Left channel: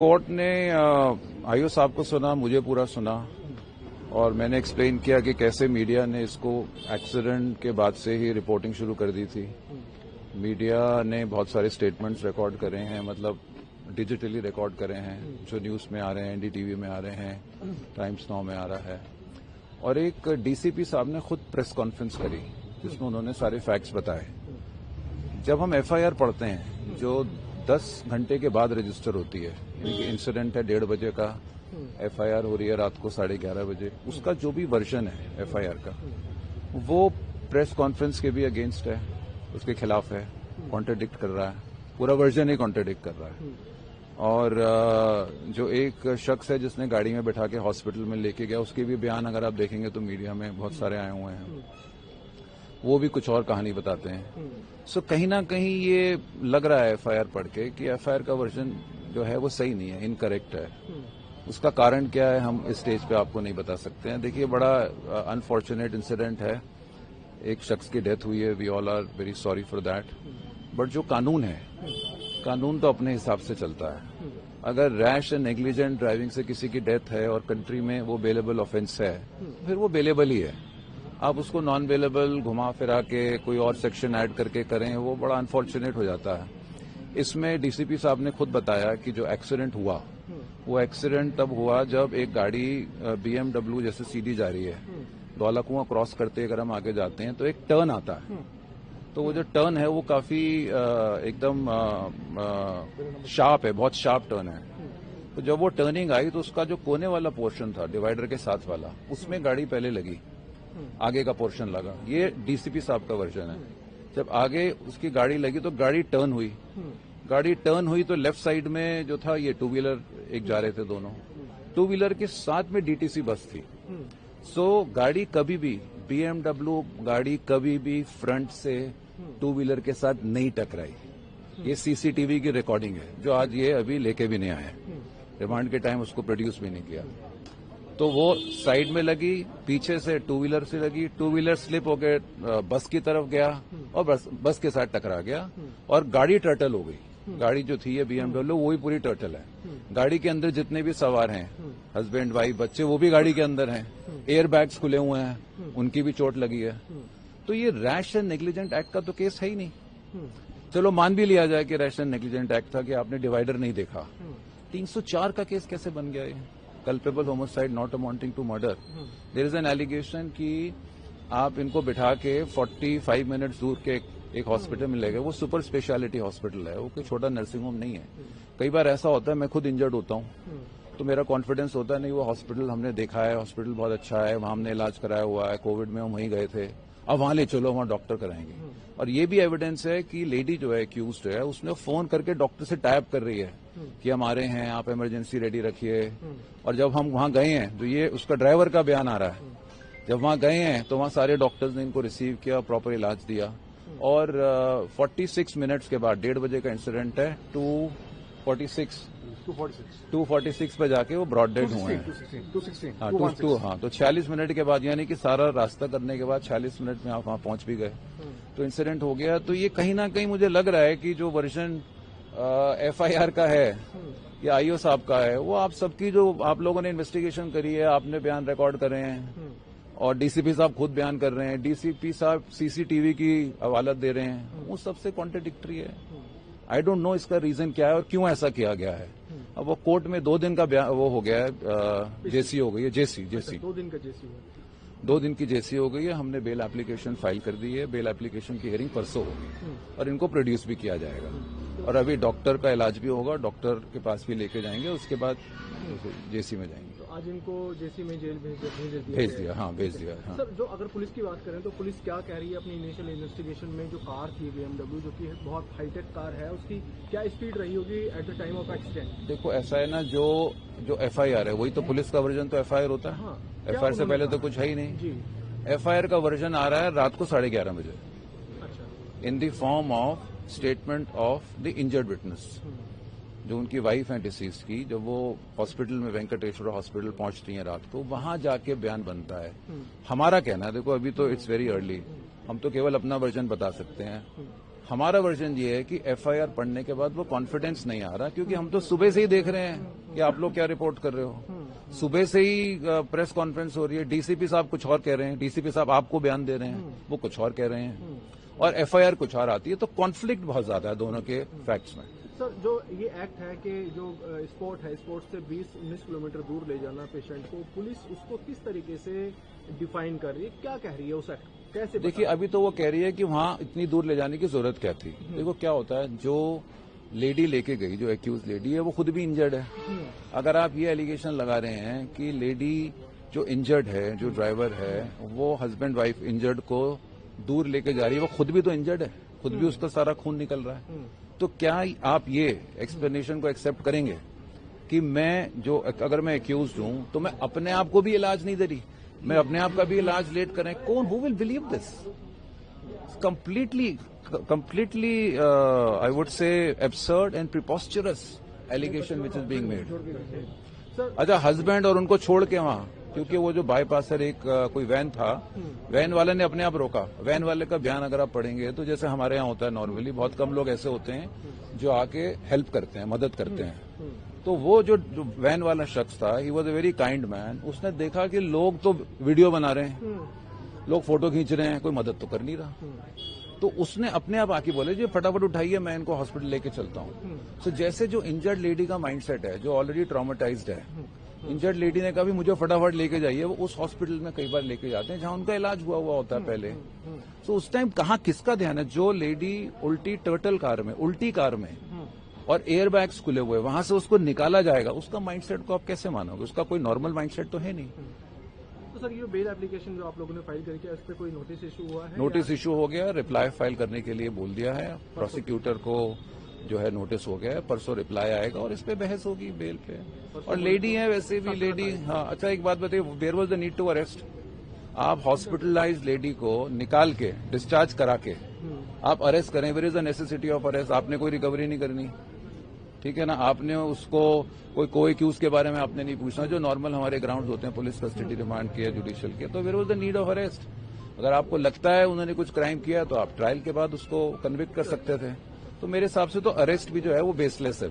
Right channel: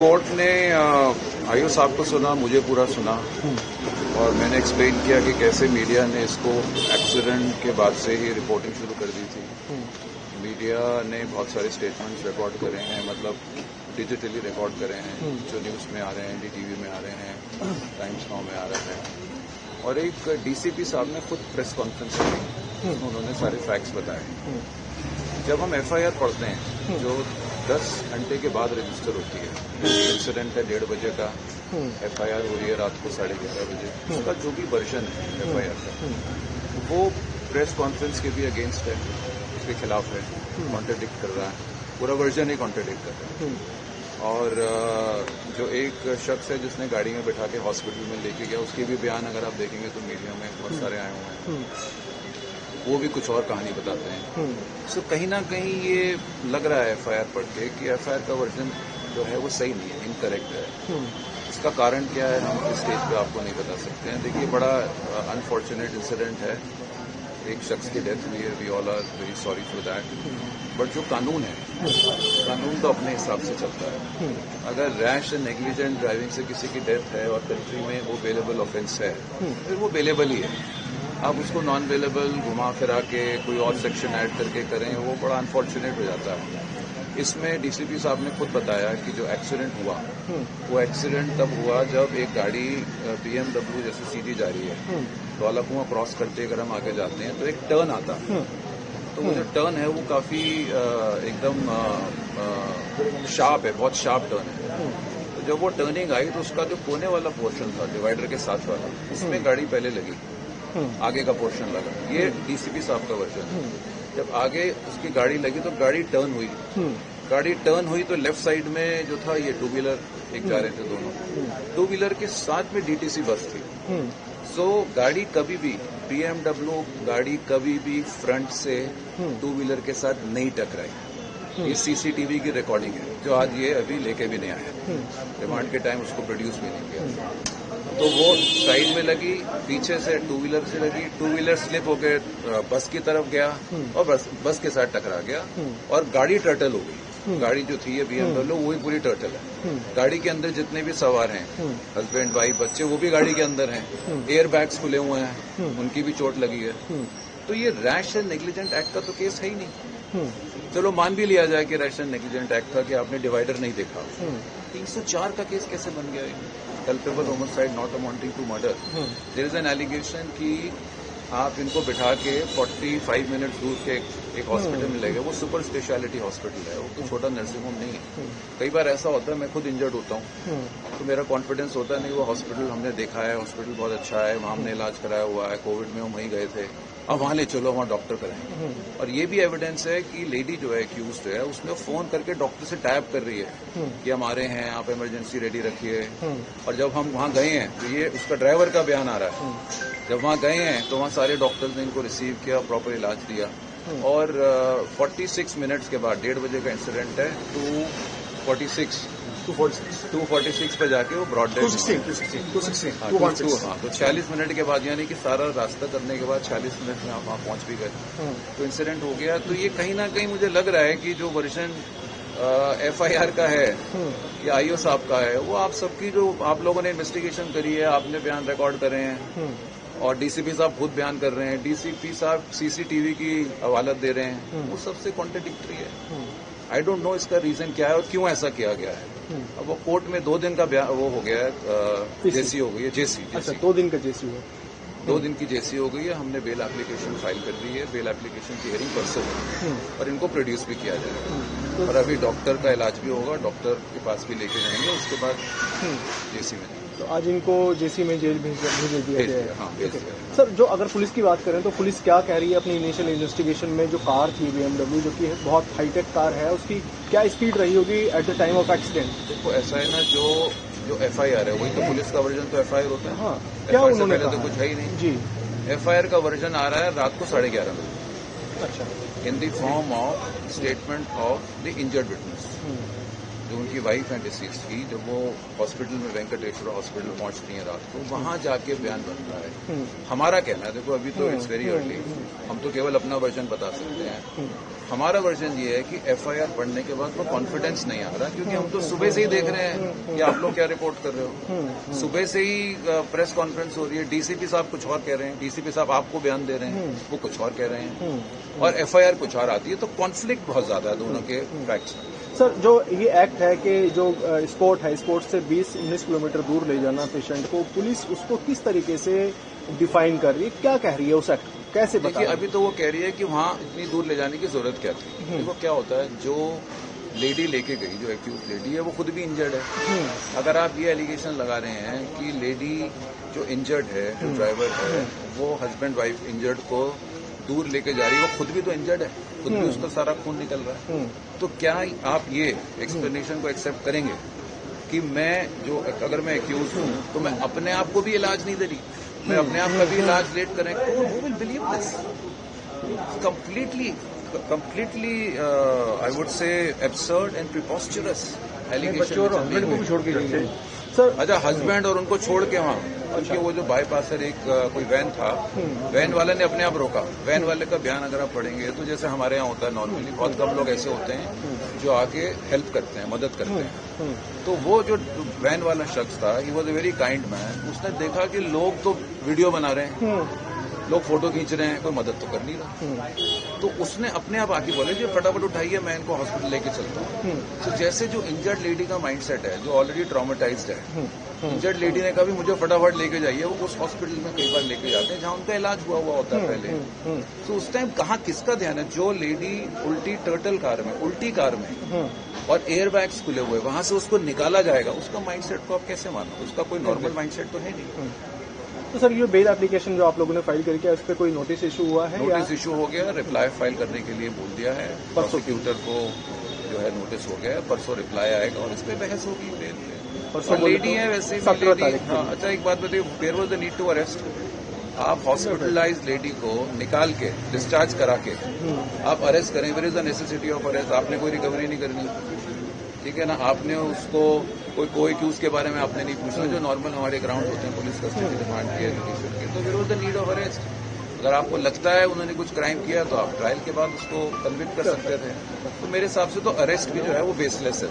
Court ने IO साहब को सुना, मुझे पूरा सुना और मैंने एक्सप्लेन किया कि कैसे मीडिया ने इसको एक्सीडेंट के बाद से ही रिपोर्टिंग शुरू कर दी थी। मीडिया ने बहुत सारे स्टेटमेंट्स रिकॉर्ड करे हैं, मतलब डिजिटली रिकॉर्ड करे हैं, जो न्यूज़ में आ रहे हैं, एनडीटीवी में आ रहे हैं, टाइम्स नाउ में आ रहा है। और एक डीसीपी साहब ने खुद प्रेस कॉन्फ्रेंस की, उसमें उन्होंने सारे फैक्ट्स बताए। जब हम एफआईआर पढ़ते हैं जो 10 घंटे के बाद रजिस्टर होती है, इंसिडेंट है 1:30 बजे का, एफआईआर हो रही है रात को 11:30 बजे, उसका जो भी वर्जन है एफआईआर का वो प्रेस कॉन्फ्रेंस के भी अगेंस्ट है, उसके खिलाफ है, कॉन्ट्रडिक्ट कर रहा है, पूरा वर्जन ही कॉन्ट्रडिक्ट कर रहा है। और जो एक शख्स है जिसने गाड़ी में बिठा के हॉस्पिटल में लेके गया, उसके भी बयान अगर आप देखेंगे तो मीडिया में बहुत सारे आए हुए हैं, वो भी कुछ और कहानी बताते हैं। सो कहीं ना कहीं ये लग रहा है एफआईआर पढ़ के कि एफआईआर का वर्जन जो है वो सही नहीं है, इनकरेक्ट है। इसका कारण क्या है हम इस स्टेज पे आपको नहीं बता सकते हैं। देखिए, बड़ा अनफॉर्चुनेट इंसिडेंट है, एक शख्स की डेथ हुई है, we all are very sorry for that. But जो कानून है, कानून तो अपने हिसाब से चलता है। अगर रैश एंड नेग्लिजेंट ड्राइविंग से किसी की डेथ है और कंट्री में वो बेलेबल ऑफेंस है, फिर वो बेलेबल ही है। आप उसको नॉन वेलेबल घुमा फिरा के कोई और सेक्शन ऐड करके करें, वो बड़ा अनफॉर्चुनेट हो जाता है। इसमें डीसीपी साहब ने खुद बताया कि जो एक्सीडेंट हुआ वो एक्सीडेंट तब हुआ जब एक गाड़ी बीएमडब्ल्यू जैसे सीधी जा रही है, धौला कुआं क्रॉस करते अगर हम आगे जाते हैं तो एक टर्न आता है, तो वो जो टर्न है वो काफ़ी एकदम शार्प है, बहुत शार्प टर्न है। तो जब वो टर्निंग आई तो उसका जो कोने वाला पोर्शन था डिवाइडर के साथ वाला, उसमें गाड़ी पहले लगी, आगे का पोर्शन लगा। ये डीसीपी साहब का वर्जन है। जब आगे उसकी गाड़ी लगी तो गाड़ी टर्न हुई, गाड़ी टर्न हुई तो लेफ्ट साइड में जो था ये टू व्हीलर एक जा रहे थे, दोनों टू व्हीलर के साथ में डीटीसी बस थी। सो गाड़ी कभी भी बीएमडब्ल्यू गाड़ी कभी भी फ्रंट से टू व्हीलर के साथ नहीं टकराई। ये सीसीटीवी की रिकॉर्डिंग है जो आज ये अभी लेके भी नहीं आया, रिमांड के टाइम उसको प्रोड्यूस भी नहीं किया। तो वो साइड में लगी, पीछे से टू व्हीलर से लगी, टू व्हीलर स्लिप होकर बस की तरफ गया और बस के साथ टकरा गया और गाड़ी टर्टल हो गई। गाड़ी जो थी है बीएमडब्ल्यू वही पूरी टर्टल है। गाड़ी के अंदर जितने भी सवार हैं, हस्बैंड वाइफ बच्चे, वो भी गाड़ी के अंदर हैं, एयर बैग्स खुले हुए हैं, उनकी भी चोट लगी है। तो ये रैश एंड नेग्लिजेंट एक्ट का तो केस है ही नहीं। चलो मान भी लिया जाए कि रैश एंड नेग्लिजेंट एक्ट था कि आपने डिवाइडर नहीं देखा, 304 का केस कैसे बन गया? Culpable homicide not amounting to murder. There is an allegation कि आप इनको बिठा के 45 मिनट्स दूर के एक हॉस्पिटल में ले गए। वो सुपर स्पेशलिटी हॉस्पिटल है, वो कोई छोटा नर्सिंग होम नहीं है। कई बार ऐसा होता है, मैं खुद इंजर्ड होता हूँ तो मेरा कॉन्फिडेंस होता है नहीं, वो हॉस्पिटल हमने देखा है, हॉस्पिटल बहुत अच्छा है, वहाँ हमने इलाज कराया हुआ है, कोविड में हम वहीं गए थे, अब वहाँ ले चलो, वहाँ डॉक्टर कराएंगे। और ये भी एविडेंस है कि लेडी जो है एक्यूज है, उसने फोन करके डॉक्टर से टाइप कर रही है कि हम आ रहे हैं, आप इमरजेंसी रेडी रखिए। और जब हम वहाँ गए हैं तो ये उसका ड्राइवर का बयान आ रहा है, जब वहाँ गए हैं तो वहाँ सारे डॉक्टर्स ने इनको रिसीव किया, प्रॉपर इलाज दिया। और 46 मिनट्स के बाद, 1:30 बजे का इंसिडेंट है, 246 पे जाके वो ब्रॉड डेड हुए। हाँ, तो 46 मिनट के बाद, यानी कि सारा रास्ता करने के बाद 46 मिनट में आप वहाँ पहुँच भी गए, तो इंसिडेंट हो गया। तो ये कहीं ना कहीं मुझे लग रहा है कि जो वर्जन एफआईआर का है या आईओ साहब का है, वो आप सबकी जो आप लोगों ने इन्वेस्टिगेशन करी है, आपने बयान रिकॉर्ड करे हैं और डीसीपी साहब खुद बयान कर रहे हैं, डीसीपी साहब सीसीटीवी की हवालत दे रहे हैं, वो सबसे कॉन्ट्रडिक्टरी है। आई डोंट नो इसका रीजन क्या है और क्यों ऐसा किया गया है। अब वो कोर्ट में 2 दिन का वो हो गया है, जेसी हो गई है, जेसी 2 दिन का जेसी हुआ, 2 दिन की जेसी हो गई है। हमने बेल एप्लीकेशन फाइल कर दी है, बेल एप्लीकेशन की हियरिंग परसों और इनको प्रोड्यूस भी किया जाएगा और अभी डॉक्टर का इलाज भी होगा, डॉक्टर के पास भी लेके जाएंगे, उसके बाद जेसी में जाएंगे। तो आज इनको जेसी में जेल भेज दिया। हाँ, भेज दिया। सर, जो अगर पुलिस की बात करें तो पुलिस क्या कह रही है अपनी इनिशियल इन्वेस्टिगेशन में? जो कार थी बीएमडब्ल्यू, जो कि बहुत हाईटेक कार है, उसकी क्या स्पीड रही होगी at the time of accident? देखो, ऐसा है ना, जो एफआईआर है वही तो पुलिस का वर्जन तो एफआईआर होता है। हाँ, एफआईआर से पहले तो कुछ है ही नहीं जी। एफआईआर का वर्जन आ रहा है रात को 11:30 बजे। अच्छा। In the form of statement of the injured witness, जो उनकी वाइफ है डिसीज की, जब वो हॉस्पिटल में वेंकटेश्वर हॉस्पिटल पहुंचती हैं रात को, वहां जाके बयान बनता है। हमारा कहना है, देखो अभी तो इट्स वेरी अर्ली, हम तो केवल अपना वर्जन बता सकते हैं। हमारा वर्जन ये है कि एफआईआर पढ़ने के बाद वो कॉन्फिडेंस नहीं आ रहा, क्योंकि हम तो सुबह से ही देख रहे हैं कि आप लोग क्या रिपोर्ट कर रहे हो। सुबह से ही प्रेस कॉन्फ्रेंस हो रही है, डीसीपी साहब कुछ और कह रहे हैं, डीसीपी साहब आपको बयान दे रहे हैं, वो कुछ और कह रहे हैं, और एफआईआर कुछ और आती है। तो कॉन्फ्लिक्ट बहुत ज्यादा है दोनों के फैक्ट्स में। सर, जो ये एक्ट है कि जो स्पोर्ट है, स्पोर्ट से 20-19 किलोमीटर दूर ले जाना पेशेंट को, पुलिस उसको किस तरीके से डिफाइन कर रही है, क्या कह रही है उस एक्ट, कैसे देखिए, अभी तो वो कह रही है कि वहाँ इतनी दूर ले जाने की जरूरत क्या थी। देखो क्या होता है, जो लेडी लेके गई, जो एक्यूज लेडी है, वो खुद भी इंजर्ड है। अगर आप ये एलिगेशन लगा रहे हैं कि लेडी जो इंजर्ड है, जो ड्राइवर है, वो हस्बैंड वाइफ इंजर्ड को दूर लेके जा रही है, वो खुद भी तो इंजर्ड है, खुद भी उसका सारा खून निकल रहा है, तो क्या आप ये एक्सप्लेनेशन को एक्सेप्ट करेंगे कि अगर मैं एक्यूज हूँ तो मैं अपने आप को भी इलाज नहीं दे रही, मैं अपने आप का भी इलाज लेट करें? कौन, who will believe this? completely I would say absurd and preposterous allegation। अच्छा, हस्बैंड और उनको छोड़ के वहाँ, क्योंकि वो जो बाईपासर एक कोई वैन था, वैन वाले ने अपने आप रोका। वैन वाले का बयान अगर आप पढ़ेंगे तो जैसे हमारे यहाँ होता है नॉर्मली, बहुत कम लोग ऐसे होते हैं जो आके हेल्प करते हैं, मदद करते हैं। तो वो जो वैन वाला शख्स था, he was a very kind man. उसने देखा कि लोग तो वीडियो बना रहे हैं, लोग फोटो खींच रहे हैं, कोई मदद तो कर नहीं रहा, तो उसने अपने आप आके बोले कि फटाफट उठाइए, मैं इनको हॉस्पिटल लेके चलता हूँ। तो जैसे जो इंजर्ड लेडी का माइंडसेट है, जो ऑलरेडी ट्रॉमेटाइज्ड है, इंजर्ड लेडी ने कहा भी मुझे फटाफट लेके जाइए, वो उस हॉस्पिटल में कई बार लेके जाते हैं जहाँ उनका इलाज हुआ होता है पहले। तो उस टाइम कहाँ किसका ध्यान है? जो लेडी उल्टी टर्टल कार में, उल्टी कार में, और एयर बैग्स खुले हुए, वहां से उसको निकाला जाएगा, उसका माइंडसेट को आप कैसे मानो? उसका कोई नॉर्मल माइंडसेट तो है नहीं। तो सर, ये बेल एप्लीकेशन जो आप लोगों ने फाइल करके, उस पर कोई नोटिस इशू हुआ है? नोटिस इशू हो गया, रिप्लाई फाइल करने के लिए बोल दिया है प्रोसिक्यूटर को, जो है नोटिस हो गया, परसों रिप्लाई आएगा और इस पर बहस होगी बेल पे। और लेडी है वैसे भी लेडी। हाँ, अच्छा एक बात बताइए, there was the need to arrest? आप हॉस्पिटलाइज लेडी को निकाल के, डिस्चार्ज करा के आप अरेस्ट करें, where is the necessity of arrest? आपने कोई रिकवरी नहीं करनी, ठीक है ना? आपने उसको कोई एक्यूज के बारे में आपने नहीं पूछा, जो नॉर्मल हमारे ग्राउंड होते हैं, पुलिस कस्टडी डिमांड किया जुडिशियल के, तो there was the need of arrest. अगर आपको लगता है उन्होंने कुछ क्राइम किया तो आप ट्रायल के बाद उसको कन्विक्ट कर सकते थे। तो मेरे हिसाब से तो अरेस्ट भी जो है वो बेसलेस है।